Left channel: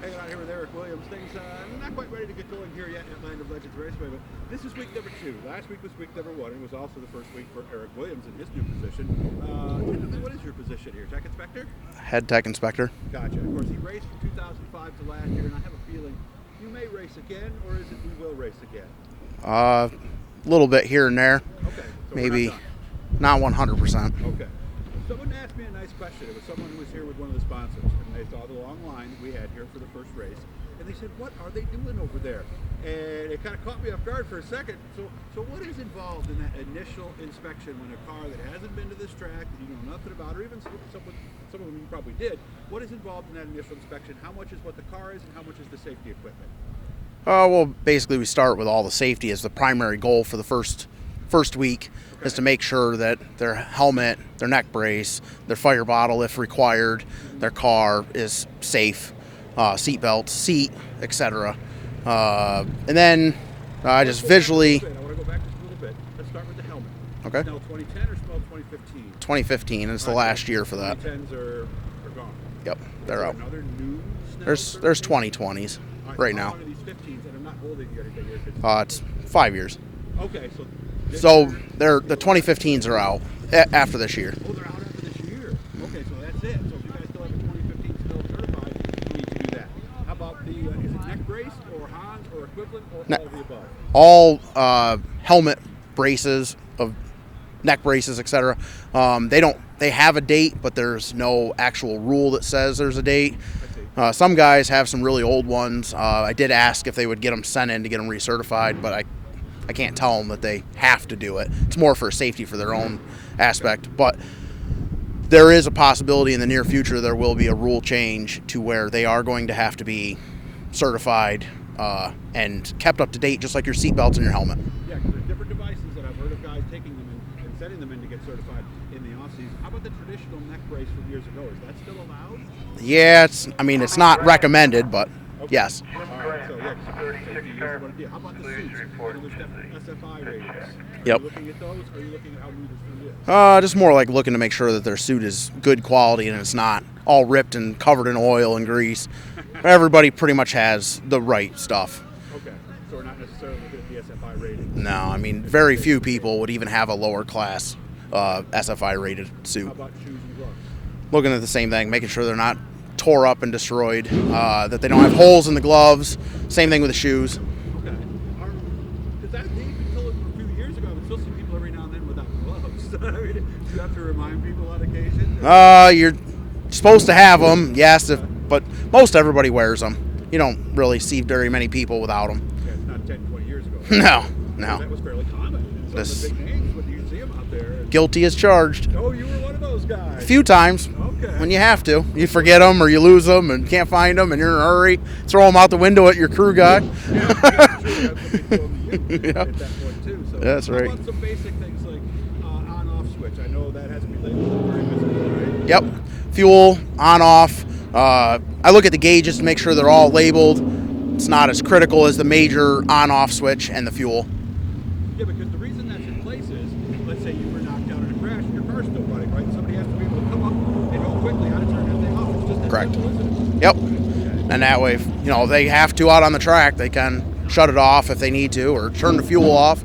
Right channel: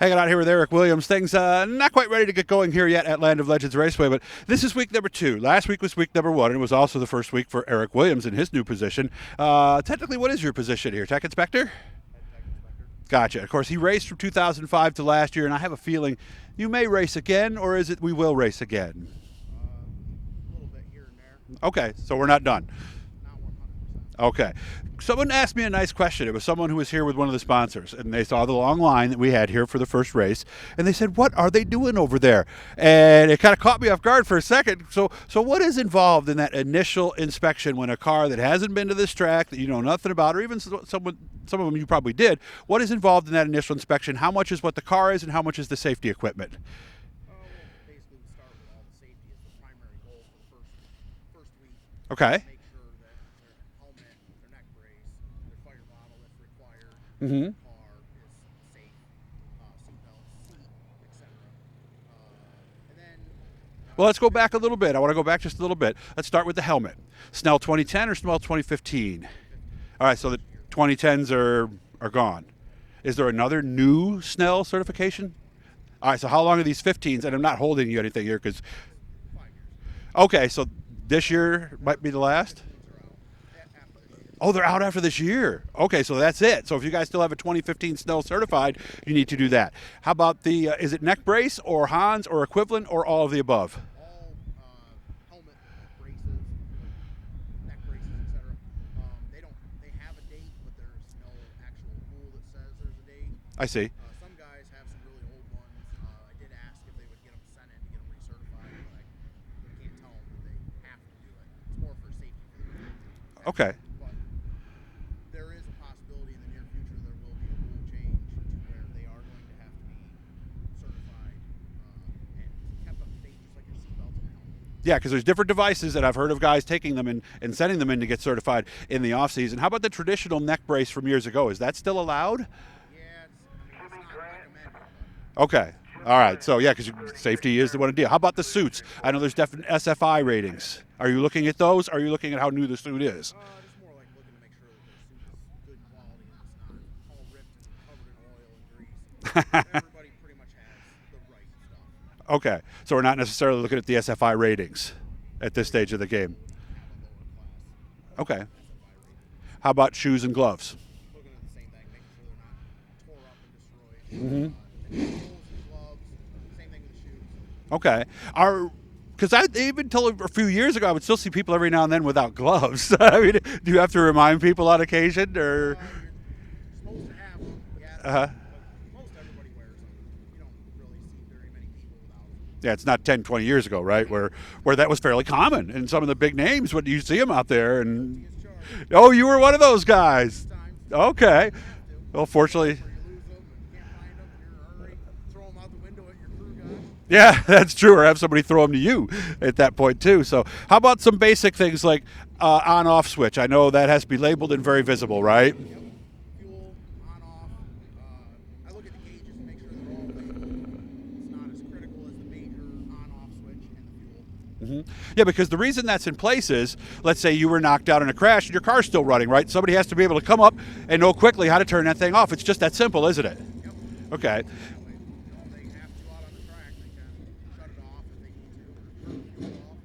Hanging out here with Eric Williams. Things not quite ready to get going here yet at Land of Legends Raceway, but this is week number 2. Last week was week number 1, and it was also the first week for Eric Williams in his new position. Technically, what is your position here? Tech Inspector? Head Tech Inspector. Gotcha. Of course, he raced from 2005 to last year, and I have a feeling you may race again, or is it we will race again? A little bit here and there. Okay, so Maybe we're not done. Not 100%. Okay. Someone asked me a nice question. It was someone who was here with one of the sponsors, and they saw the long line that we had here for the first race, and they said, "What are they doing over there?" And it kind of caught me off guard for a second. So what is involved in that initial inspection when a car that hasn't been to this track, that you know nothing about, or even some of them you probably did, what is involved in that initial inspection? How much is what the car is, and how much is the safety equipment? Well, basically we start with all the safety as the primary goal for the first week. Okay. Is to make sure that their helmet, their neck brace, their fire bottle if required, their car is safe, seat, etc. And then Let's just go visually. back a little bit. I want to go back just a little bit. Let's start with the helmet. Okay. Snell 2010 or Snell 2015? 2015 is All the right, last so year for 2010s are gone. Yep. Is there another new Snell There's certification? 2020s. All right, so right how now. long are these 15s? And I'm not holding you anything here because. It's 5 years. Okay, so this So year. the might be last? 2015s are out after this year. Oh, they're out after this year. Okay, so that's it. So if you guys still have a 2015 Snell certified, you need to do that. How about the? Is it neck brace or Hans or equivalent or all of the above? All helmet braces of neck braces, etc. They have a date, but there's no actual rule that says there's a date. I see. Some guys have some really old ones. I did ask if they would get them sent in to get them recertified, but I can't tell them that they have to do it. It's more for safety for their own aspect. Okay. But there is a possibility in the near future there will be a rule change to where they are going to have to be certified and kept up to date, just like your seatbelts and your helmet. Yeah, because there's different devices, and I've heard of guys taking them and sending them in to get certified in the off season. How about the traditional neck brace from years ago? Is that still allowed? Yeah, it's not recommended, but Okay. yes. All right. So yeah, because safety is the one to deal. How about the suits? I know there's definite SFI ratings. Are you Yep. looking at those? Or are you looking at how new the suit is? Just more like looking to make sure that their suit is good quality and it's not all ripped and covered in oil and grease. Everybody pretty much has the right stuff. Okay. So we're not necessarily looking at the SFI ratings. No, I mean, at this very stage few of the people game. would even have a lower class Okay. SFI rated suit. How about shoes and gloves? Looking at the same thing, making sure they're not tore up and destroyed, that they don't have holes in the gloves. Same thing with the shoes. Okay. Because even till a few years ago, I would still see people every now and then without gloves. I mean, do you have to remind people on occasion? Or? You're supposed to have them, yes, Uh-huh. but most everybody wears them. You don't really see very many people without them. Yeah, it's not 10, 20 years ago, right? No, Where no. that was fairly common. And some of the Yes. big names, when you see them out there. And, Guilty as charged. Oh, you were one of those guys. A few times. Okay. And you have to. Well, You forget them fortunately- or you lose them and can't find them and you're in a hurry. Throw them out the window at your crew guy. Yeah, that's true. Or have somebody throw them to you at that point, too. So That's how right. about some basic things like on-off switch? I know that has to be labeled and very visible, right? Yep. Fuel, on, off. I look at the gauges to make sure they're all labeled. It's not as critical as the major on-off switch and the fuel. Yeah, because the reason that's in place is, let's say you were knocked out in a crash and your car's still running, right? Somebody has to be able to come up and know quickly how to turn that thing off. It's just that Correct. simple, isn't it? Yep. Okay. And that way, if they have to out on the track, they can shut it off if they need to or turn the fuel off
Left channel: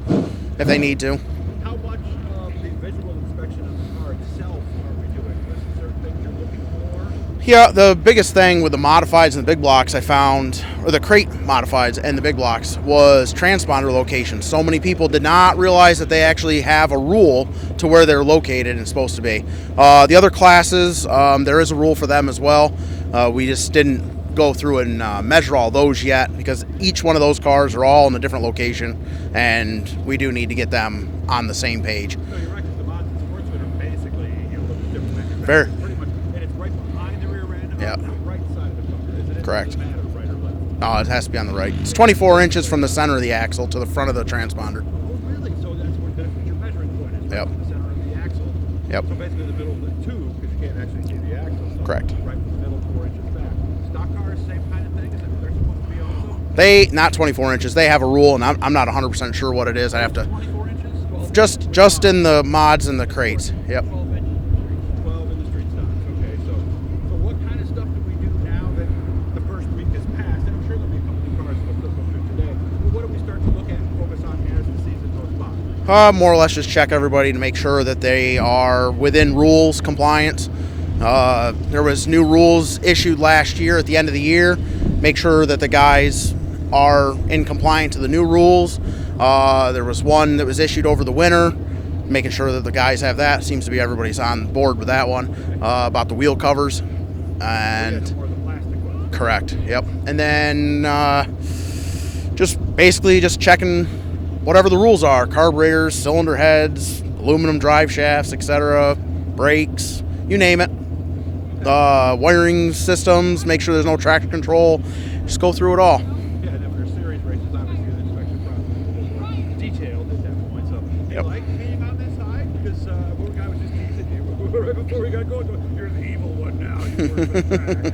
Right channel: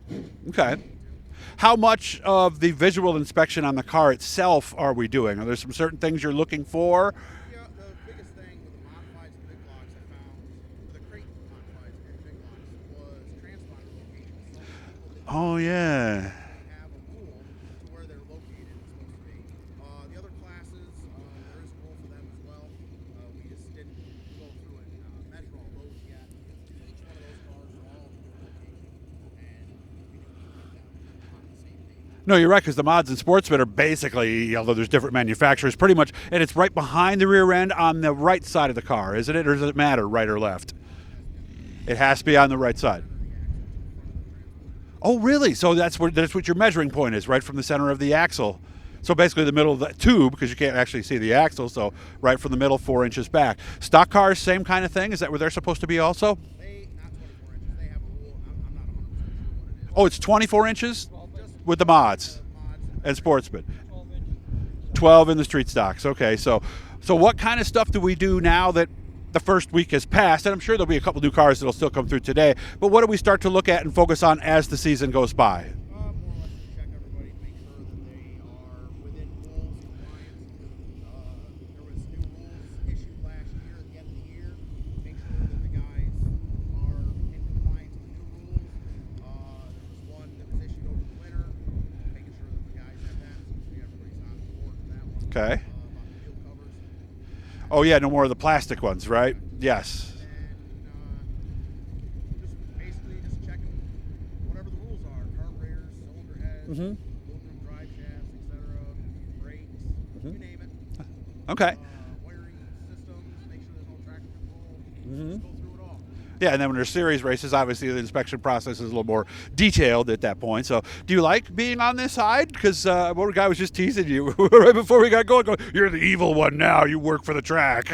if they need to. How much of the visual inspection on the car itself are we doing? Are there some certain things you're looking for? Yeah, the biggest thing with the modifieds and the big blocks I found, or the crate modifieds and the big blocks, was transponder location. So many people did not realize that they actually have a rule to where they're located and supposed to be. The other classes, there is a rule for them as well. We just didn't go through and measure all those yet because each one of those cars are all in a different location and we do need to get them on the same page. No, you're right, because the mods and sportsmen are basically, although there's different manufacturers, pretty much, and it's right behind the rear end on the right side of the car, isn't it? Or Correct. does it matter, right or left? No, it has to be on the right. It's It has to be 24 on the inches right from the side. center of the axle to the front of the transponder. Oh, really? So that's what your measuring point is, right Yep. from the center of the axle. Yep. So basically the middle of the tube, because you can't actually see the axle, so Correct. right from the middle, 4 inches back. Stock cars, same kind of thing? Is that where they're supposed to be also? They, not 24 inches, they have a rule, and I'm not 100% sure what it is. I Oh, have it's to- 24 inches? Just with the in mods. the mods and the And crates. sportsman. Yep. 12 in the street stocks. Okay, so what kind of stuff do we do now that the first week has passed, and I'm sure there'll be a couple new cars that'll still come through today, but what do we start to look at and focus on as the season goes by? More or less just check everybody to make sure that they are within rules compliance. There was new rules issued last year at the end of the year. Make sure that the guys are in compliance to the new rules. There was one that was issued over the winter, making sure that the guys have that. Seems to be everybody's on board with that one. Okay. About the wheel covers. Oh yeah, no more of the plastic ones, right? Correct. Yes. Yep. And then just basically just checking whatever the rules are: carburetors, cylinder heads, aluminum drive shafts, etc., brakes, you name it. Okay. Wiring systems. Make sure there's no traction control. Just go through it all. Yeah, and then when there's series races, obviously the inspection process is a little more detailed at that point. So, do you like being on this side? Because one guy was just teasing you right before we got going. You're the evil one now. You work for the track.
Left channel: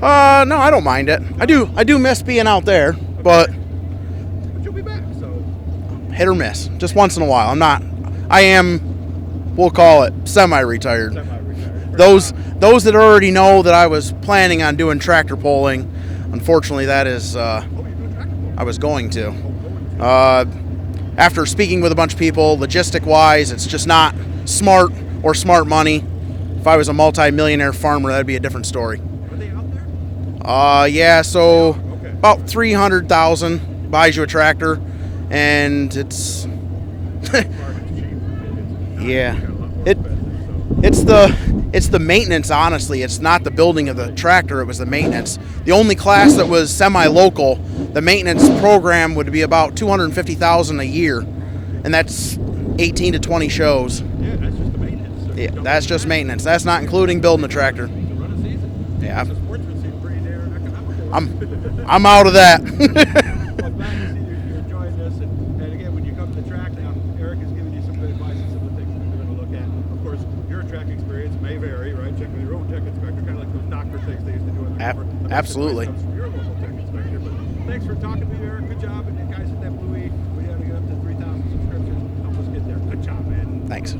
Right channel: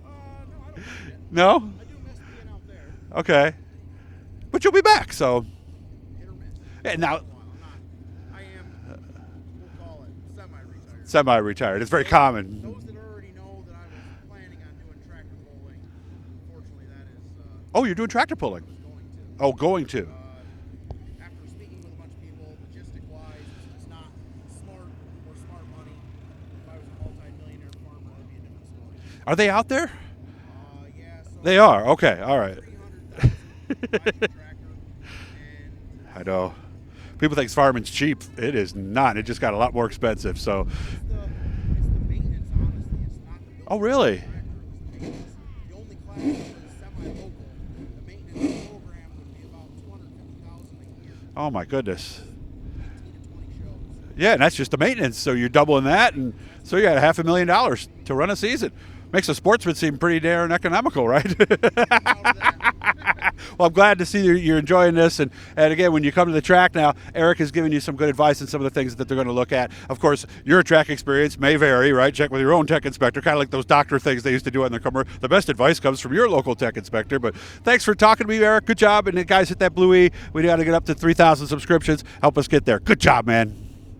No, I don't mind it. No? I do miss being out there, Okay. But you'll be back. So, hit or miss, just And once now- in a while. I am. We'll call it semi-retired. Semi-retired. It's very common. Those that already know that I was planning on doing tractor pulling, unfortunately, that is. Oh, you're doing tractor pulling. I was going to. Oh, going to. After speaking with a bunch of people, logistic-wise, it's just not smart or smart money. If I was a multi-millionaire farmer, that'd be a different story. Are they out there? Yeah. So They are. Okay. About All right. 300,000 buys you a tractor, and it's. I know. People think farming's cheap. It is not. Yeah. It's got a lot more expensive. So. It's the maintenance, honestly. It's not the building of really? the tractor. It was the maintenance. The only class that was semi-local, the maintenance program would be about $250,000 a year, Oh my goodness. and that's 18 to 20 shows. Yeah, and that's just the maintenance. So you're Yeah, doubling that's that. just maintenance. That's not So you got including building a $500,000 tractor. to run a season. Yeah. Makes a sportsman seem pretty darn economical, right? I'm out of that. Well, I'm glad to see you're enjoying this. And again, when you come to the track now, Eric has given you some good advice on some of the things that they're going to look at. Of course, your track experience may vary, right? Check with your own tech inspector, kind of like those doctor things they used to do on the commercial. The best advice Absolutely. comes from your local tech inspector. But thanks for talking to me, Eric. Good job. And guys, hit that blue E. We got to get up to 3,000 subscriptions. Help us get there. Good job, man. Thanks.